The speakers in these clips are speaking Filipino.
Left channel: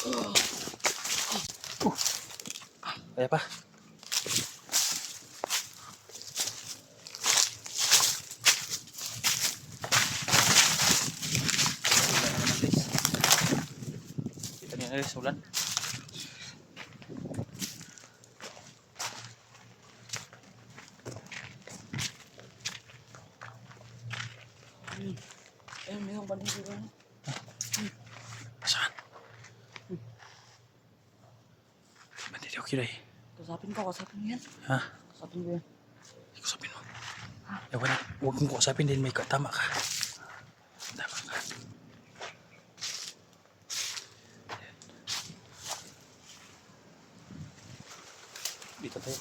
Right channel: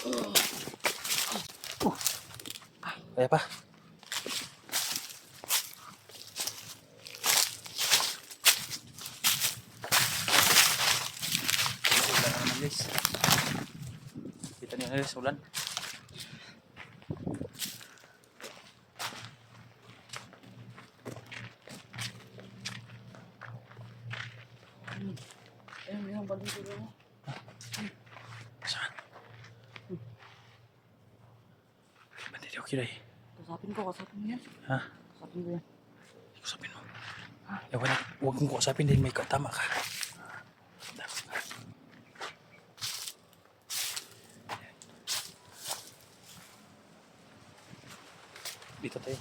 Kaya pa. Ulan na naman guys. Kita niyo guys, ulan. Ayun, may isang bandang dito. Saan? Bandit okay dahil. Kasapin mo yan. Ha? Kasapin mo yan. Kusapin mo. Wala. Huwag mong kusapin din, may tama ka. Tama ka. Dito tayo.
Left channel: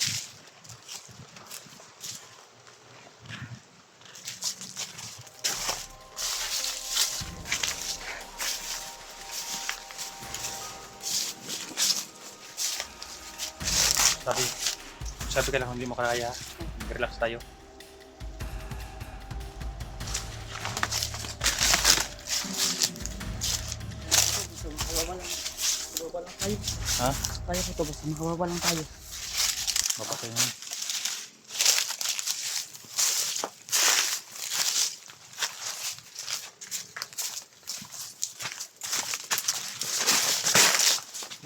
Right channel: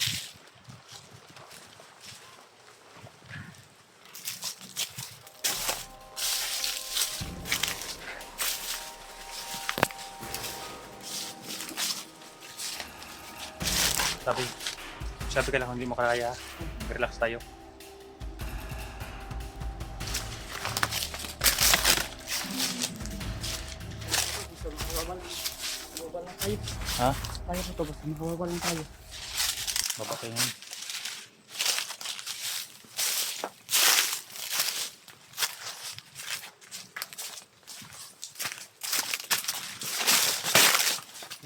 Sabi ka lang kung hindi mo kaya, relax tayo. Makawawa lang tayo. Ha? Tayo po to, basta makawawa lang tayo. Baba tayo ngayon.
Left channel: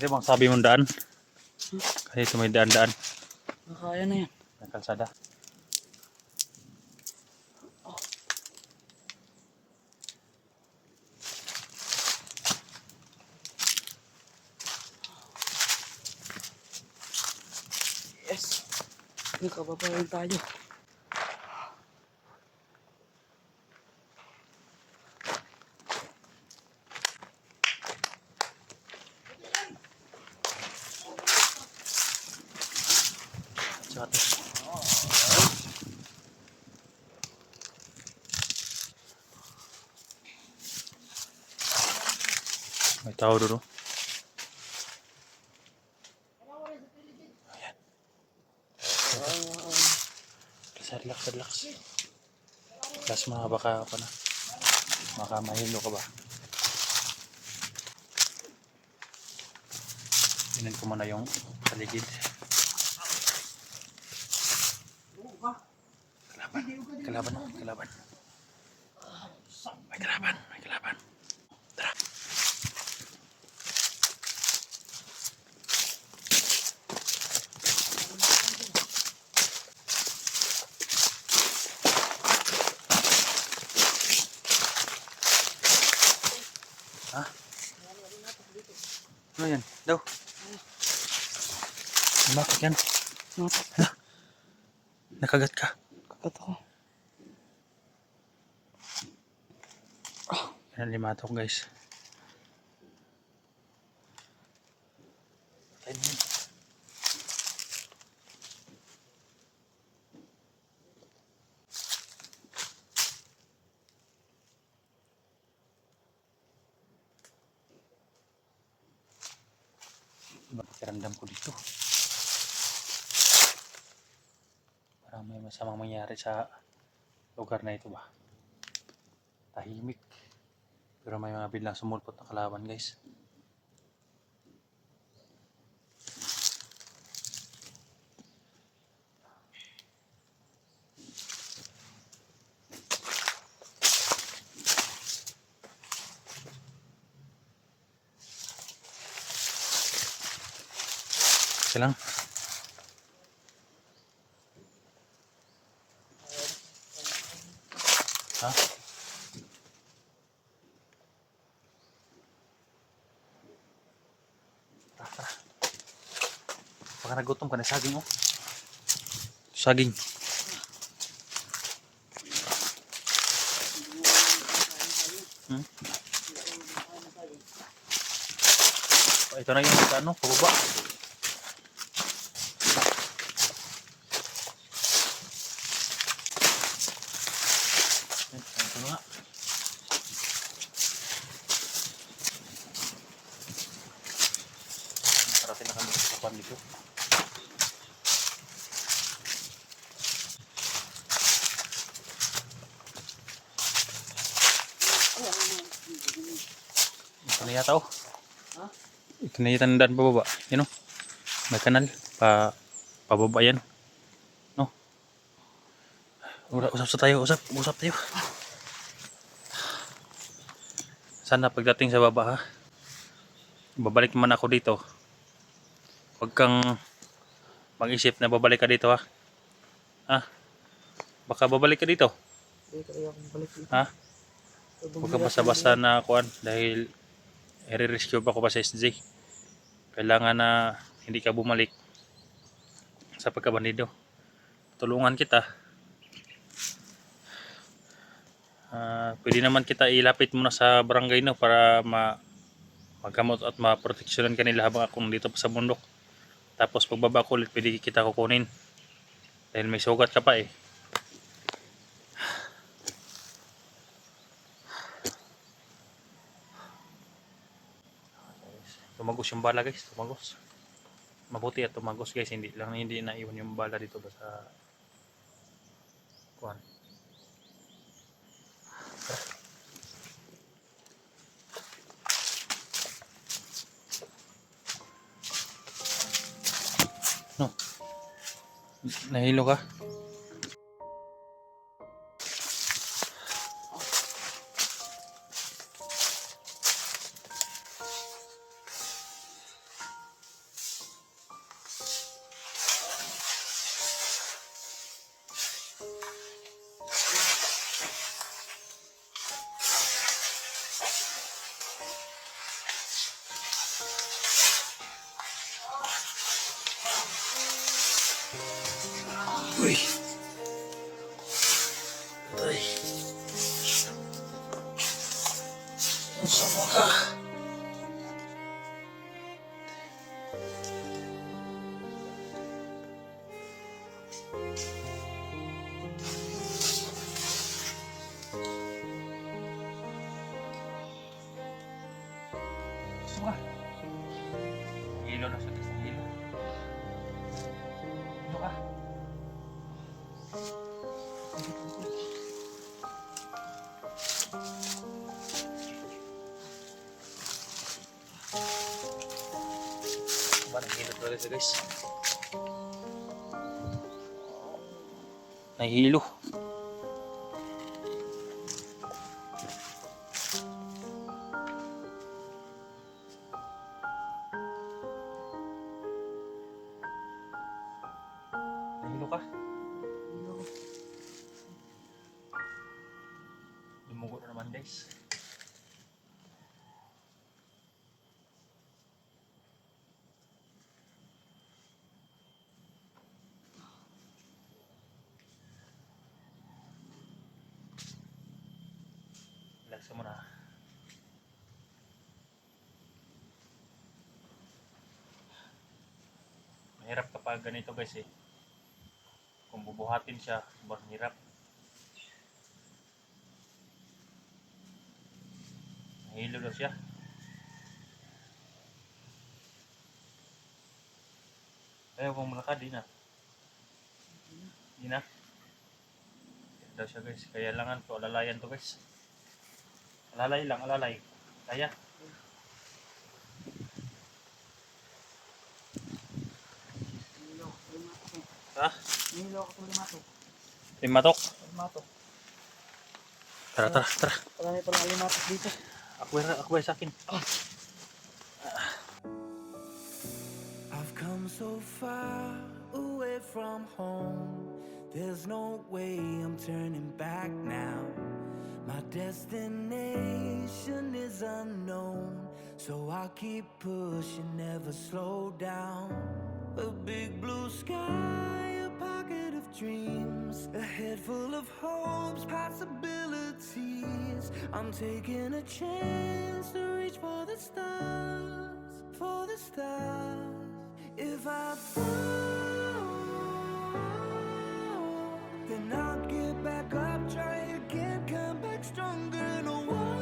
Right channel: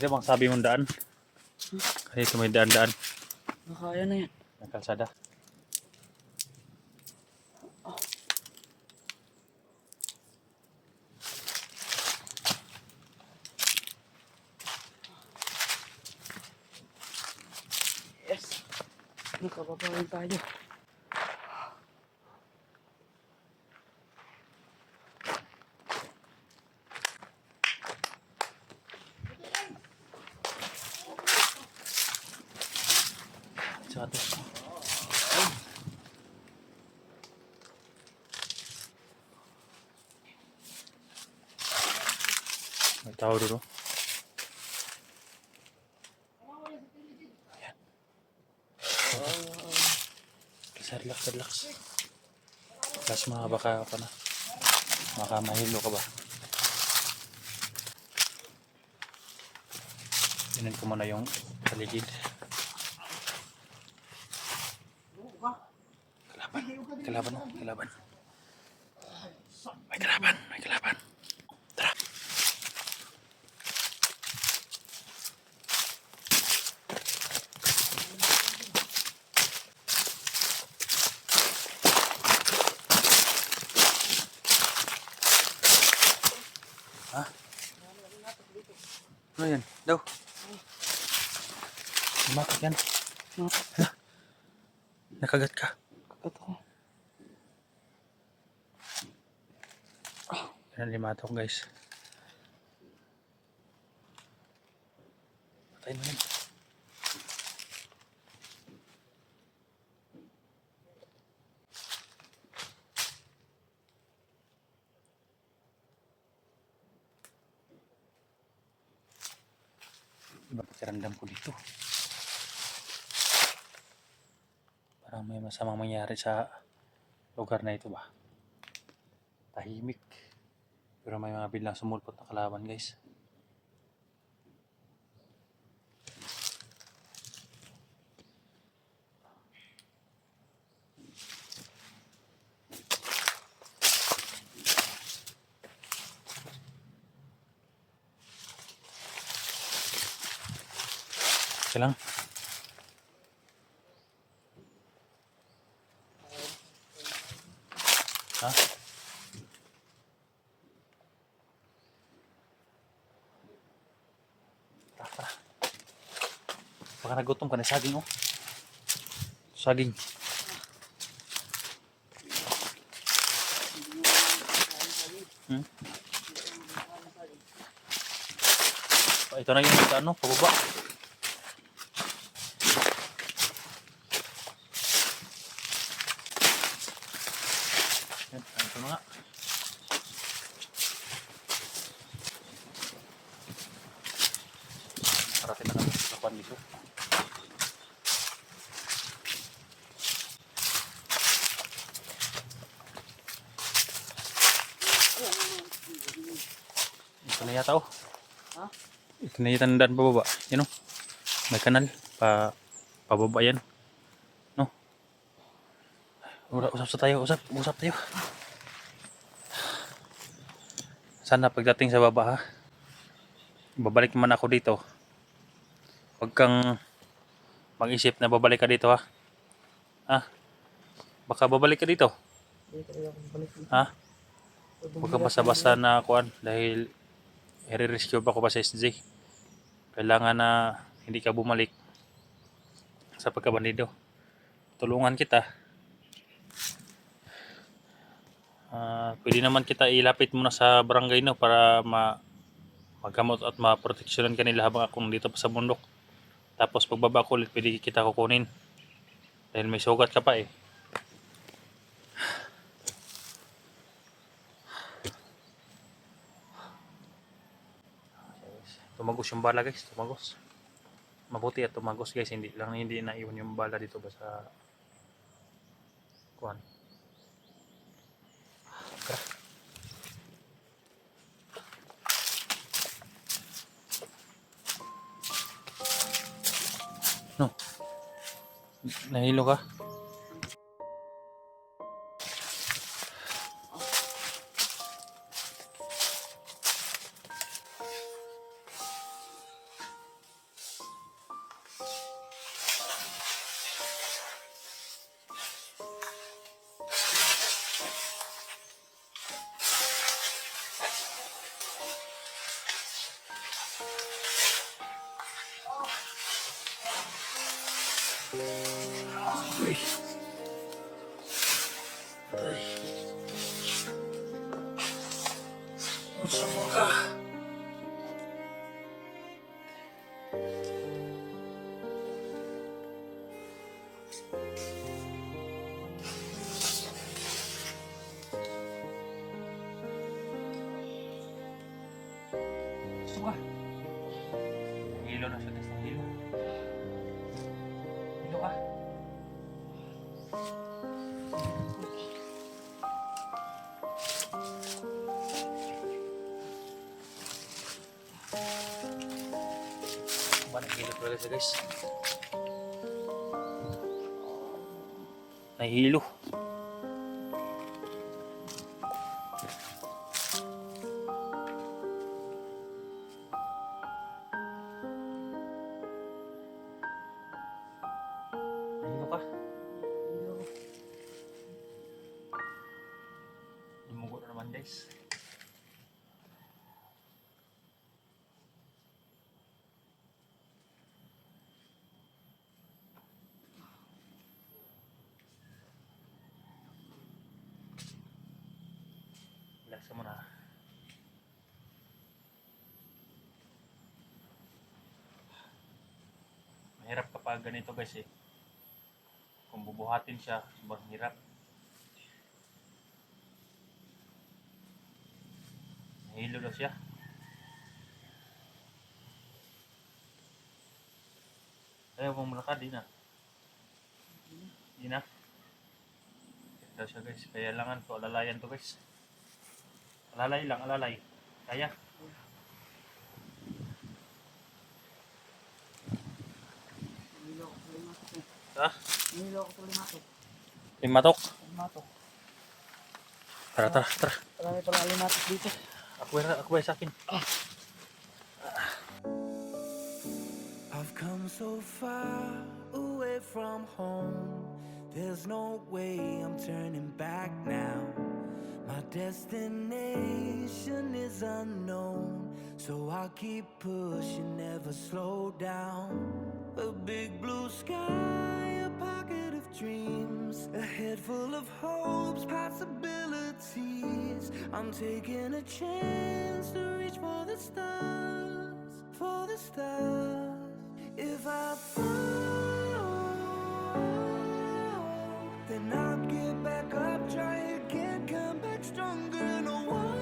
Ito bang sabi mong daan? Kasi ito may daan-daan. Makaya na yan. May kalsada. Yes. Nakababa lang tayo. Tsaka ito. May tao doon. Ayan. Relax, relax. Relax mga baka pa na. Baka mahilo ka ba? Tingnan ko muna yung paligid. Kalaban, kalaban. May kalaban, may kalaban. Tara. Ha? Ano yan? Daw. Lumapak yan. Hala. Nakagat ka. Totoo. Yan, limatok guys. Patay naman. Iba pakiramdam ko dito. Parang may masamang mangyari sa lugar na ito ba. Tahimik. Pero may mga biglang sumulpot na kalaban guys. Isa lang. Ha? Tara. Baka nagutom ka na saging oh. Saging. Ito na yung ano, pababa. Ito na nga. Parating na kami sa kwan dito. Ito na yata oh. Ha? Ito na yung tandaan pababa. Yan o. May kanal. Pababa yan. No? Usap sa tayo. Usap tayo. Sana pagdating sa baba ha. Babalik naman ako dito. Huwag kang mag-isip na babalik ka dito ha. Ha? Baka babalik ka dito. Hindi talaga ako balik dito. Ha? Huwag ka basta-basta na kuan dahil i-rescue pa ko pa sa SJ. Kailangan na hindi ka bumalik sa pagkabandido. Tulungan kita. Pwede naman kita ilapit muna sa barangay no para magamot at maproteksyonan kanila habang ako nandito pa sa bundok. Tapos pagbaba ko ulit pwede kita kukunin. Dahil may sugat ka pa eh. Tumagos yung bala guys, tumagos. Mabuti at tumagos guys, hindi naiwan yung bala dito ba sa kuan. No. Nahilo ka? Uy. Ay. Ang sama ka. Gusto ka? Hilo na sa gas ng hilo. Hilo ka? Nahilo talaga siya guys. Nahilo. Nahilo ka? Dumugo na naman guys. Relax mo na. Mahirap kapag ganito guys eh. Kung bubuhatin siya, sobrang hirap. Nahilo daw siya. Ayaw kong malakad, di na. Di na. Kaya daw siya guys. Kaya langan to, alalayan to guys. Alalay lang, alalay. Kaya. Nahilo ako sa limatok eh. Ha? Nahilo ako sa limatok. Limatok. Limatok. Tara. Marami pala limatok dito. Ako sa akin. I've come so far away from home. There's no way I'm turning back now. My destination is unknown, so I'll keep pushing, never slow down. A big blue sky, a pocket of dreams, a head full of hopes, possibilities. I'm taking a chance to reach for the stars, for the stars. If I fall, then I'll get back up, try again, come back stronger. No walls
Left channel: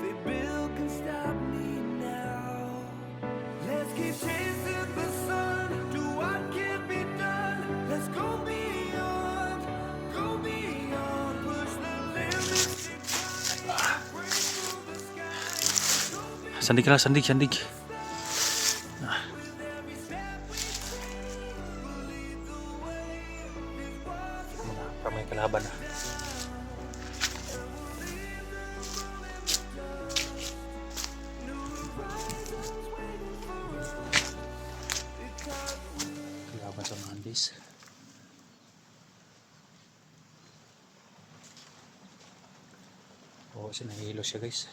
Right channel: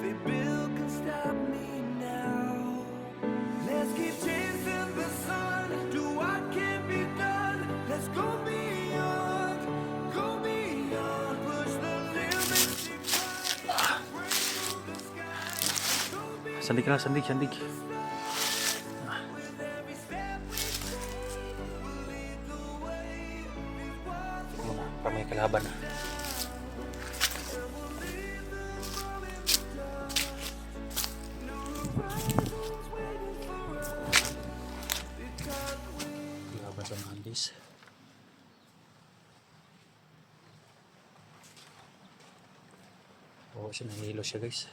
they build can stop me now. Let's keep chasing the sun, do what can be done. Let's go beyond, push the limits, take flight, break through the sky. Sandig ka lang, sandig, sandig. Muna, para may kalaban na. Kalaban sa mga handis. Oo, siya nahihilo siya guys.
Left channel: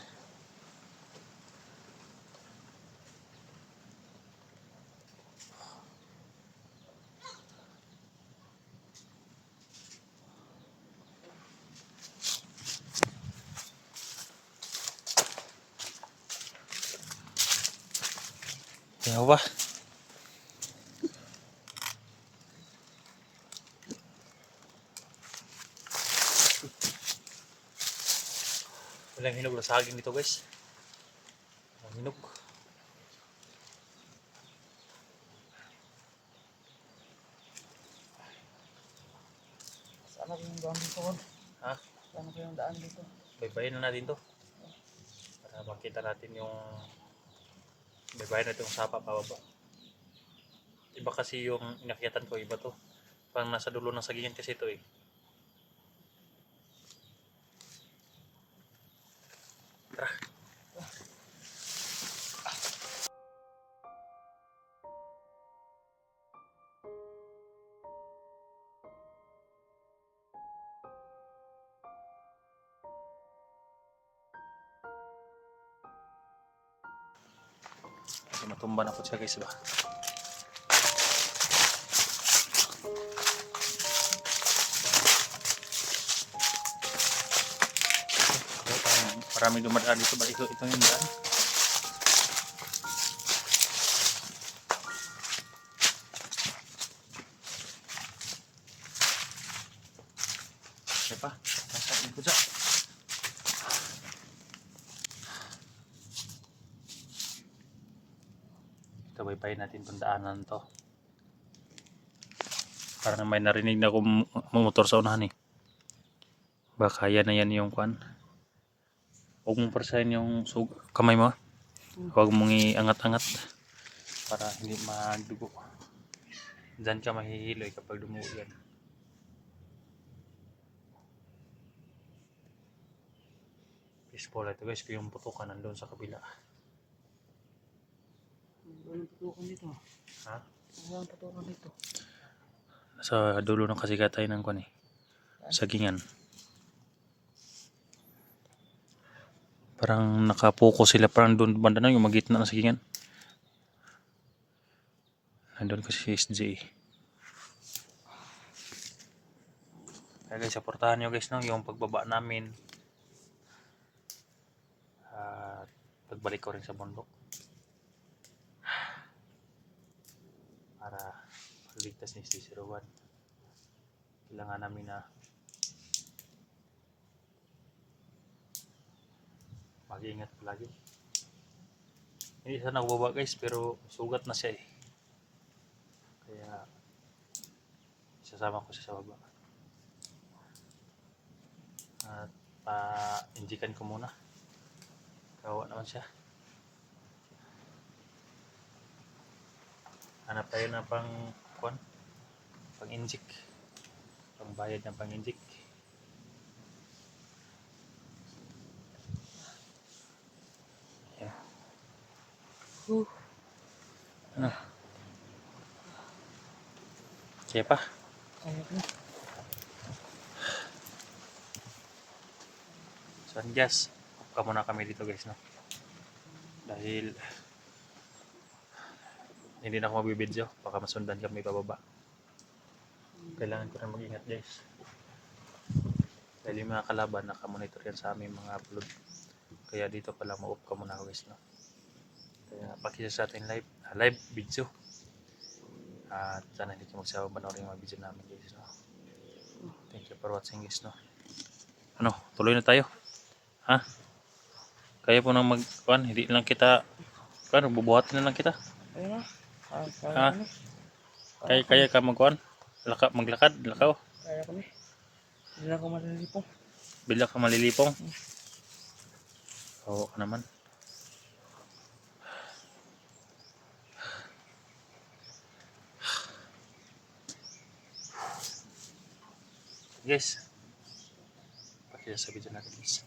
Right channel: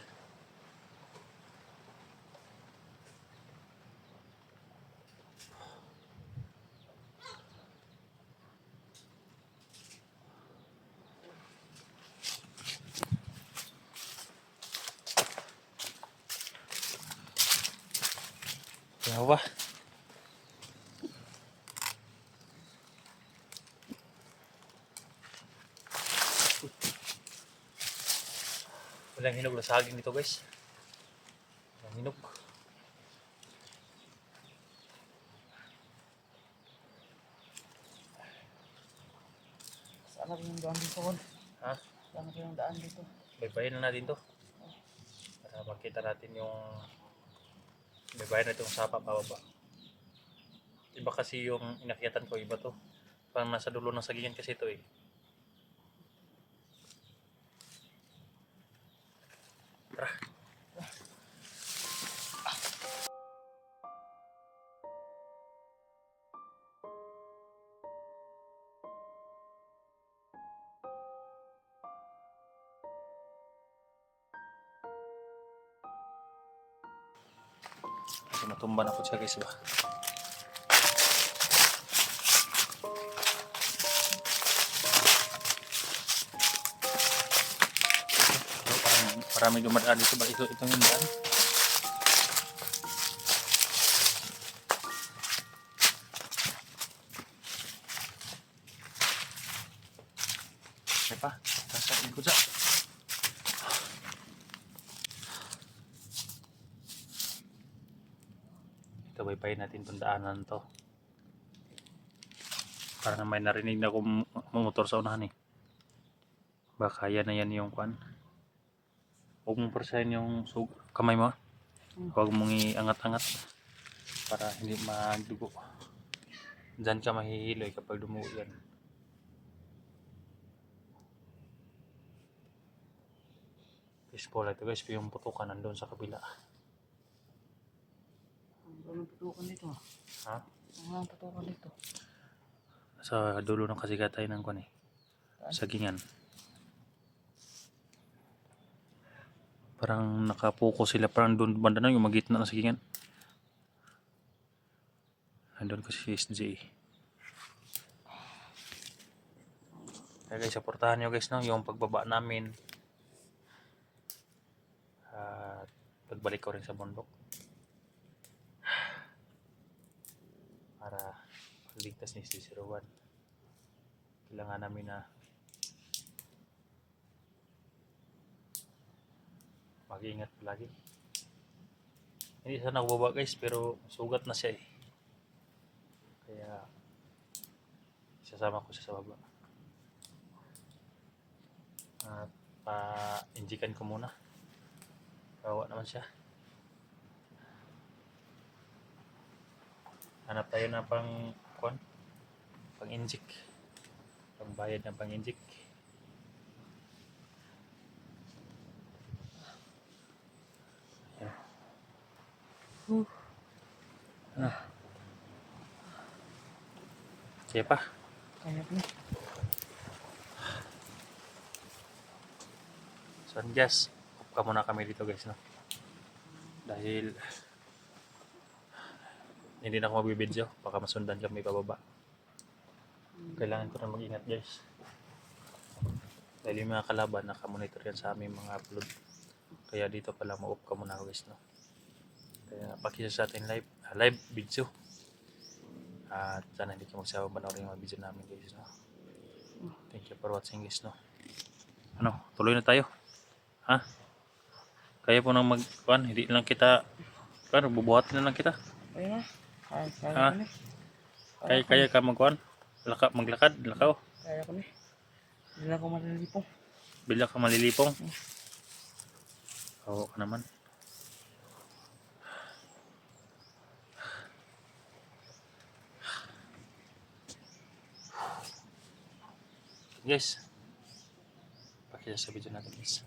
Ano ba? Walang hinog na saging dito guys. Walang hinog. Saan na ba yung daan dito, Kon? Ha? Saan na ba yung daan dito? Baybayin na natin to. Para makita natin yung baybayin natin yung sapa pababa. Iba kasi yung inakyatan ko, iba to. Parang nasa dulo ng sagingan kasi ito eh. Tara. Kasi matumba na po siya guys ba. Ito, parang marami dumadaan dito ba? Ito yung daan. May pa. Nasa likod sa. Ito baybayin natin itong daanan to. Parang may narinig na akong motor sa unahan eh. Baka yan na yan yung kwan. Huwag mong persahin yung kamay mo. Huwag mong iangat-angat para hindi magdugo. Diyan ka mahihiloy kapag dumugo yan. Fishbowl ito guys, yung putukan nandun sa kabila. Walang tutukan dito. Ha? Walang tutukan dito. Sa dulo ng kasikatay ng kwan eh. Sagingan. Parang nakapokus sila, parang doon banda na yung magitna ng sagingan. Nandun kasi si SJ. Kaya guys, supportahan nyo guys no, yung pagbaba namin. At pagbalik ko rin sa bundok. Para pagligtas ni SJ01. Kailangan namin na mag-iingat palagi. Hindi sana nakababa guys, pero sugat na siya eh. Kaya isasama ko siya sa baba. At pa-injikan ko muna. Kawawa naman siya. Hanap tayo na pang-injik. Pang-bayad ng pang-injik. Ano? Kaya pa? Kaya ko na. So guys, off ka muna kami dito guys no. Dahil hindi na ako magbibideo, baka masundan kami pababa. Kailangan ko na mag-ingat guys. Dahil yung mga kalaban nakamonitor yan sa aming mga upload. Kaya dito pala ma-off ka muna guys no. Kaya pakisa sa atin live video. At sana hindi kayo magsawang panoorin yung mga video namin guys no. Thank you for watching guys no. Ano, tuloy na tayo. Ha? Kaya po nang magkuhan, hindi lang kita bubuhatin na lang kita. Kaya na. Kaya Ha? ko na. Kaya ka magkuhan? Maglakad, lakaw. Kaya ko na. Hindi na ako malilipong. Bila ka malilipong. Oo ka naman. Guys, pakita sa video natin guys.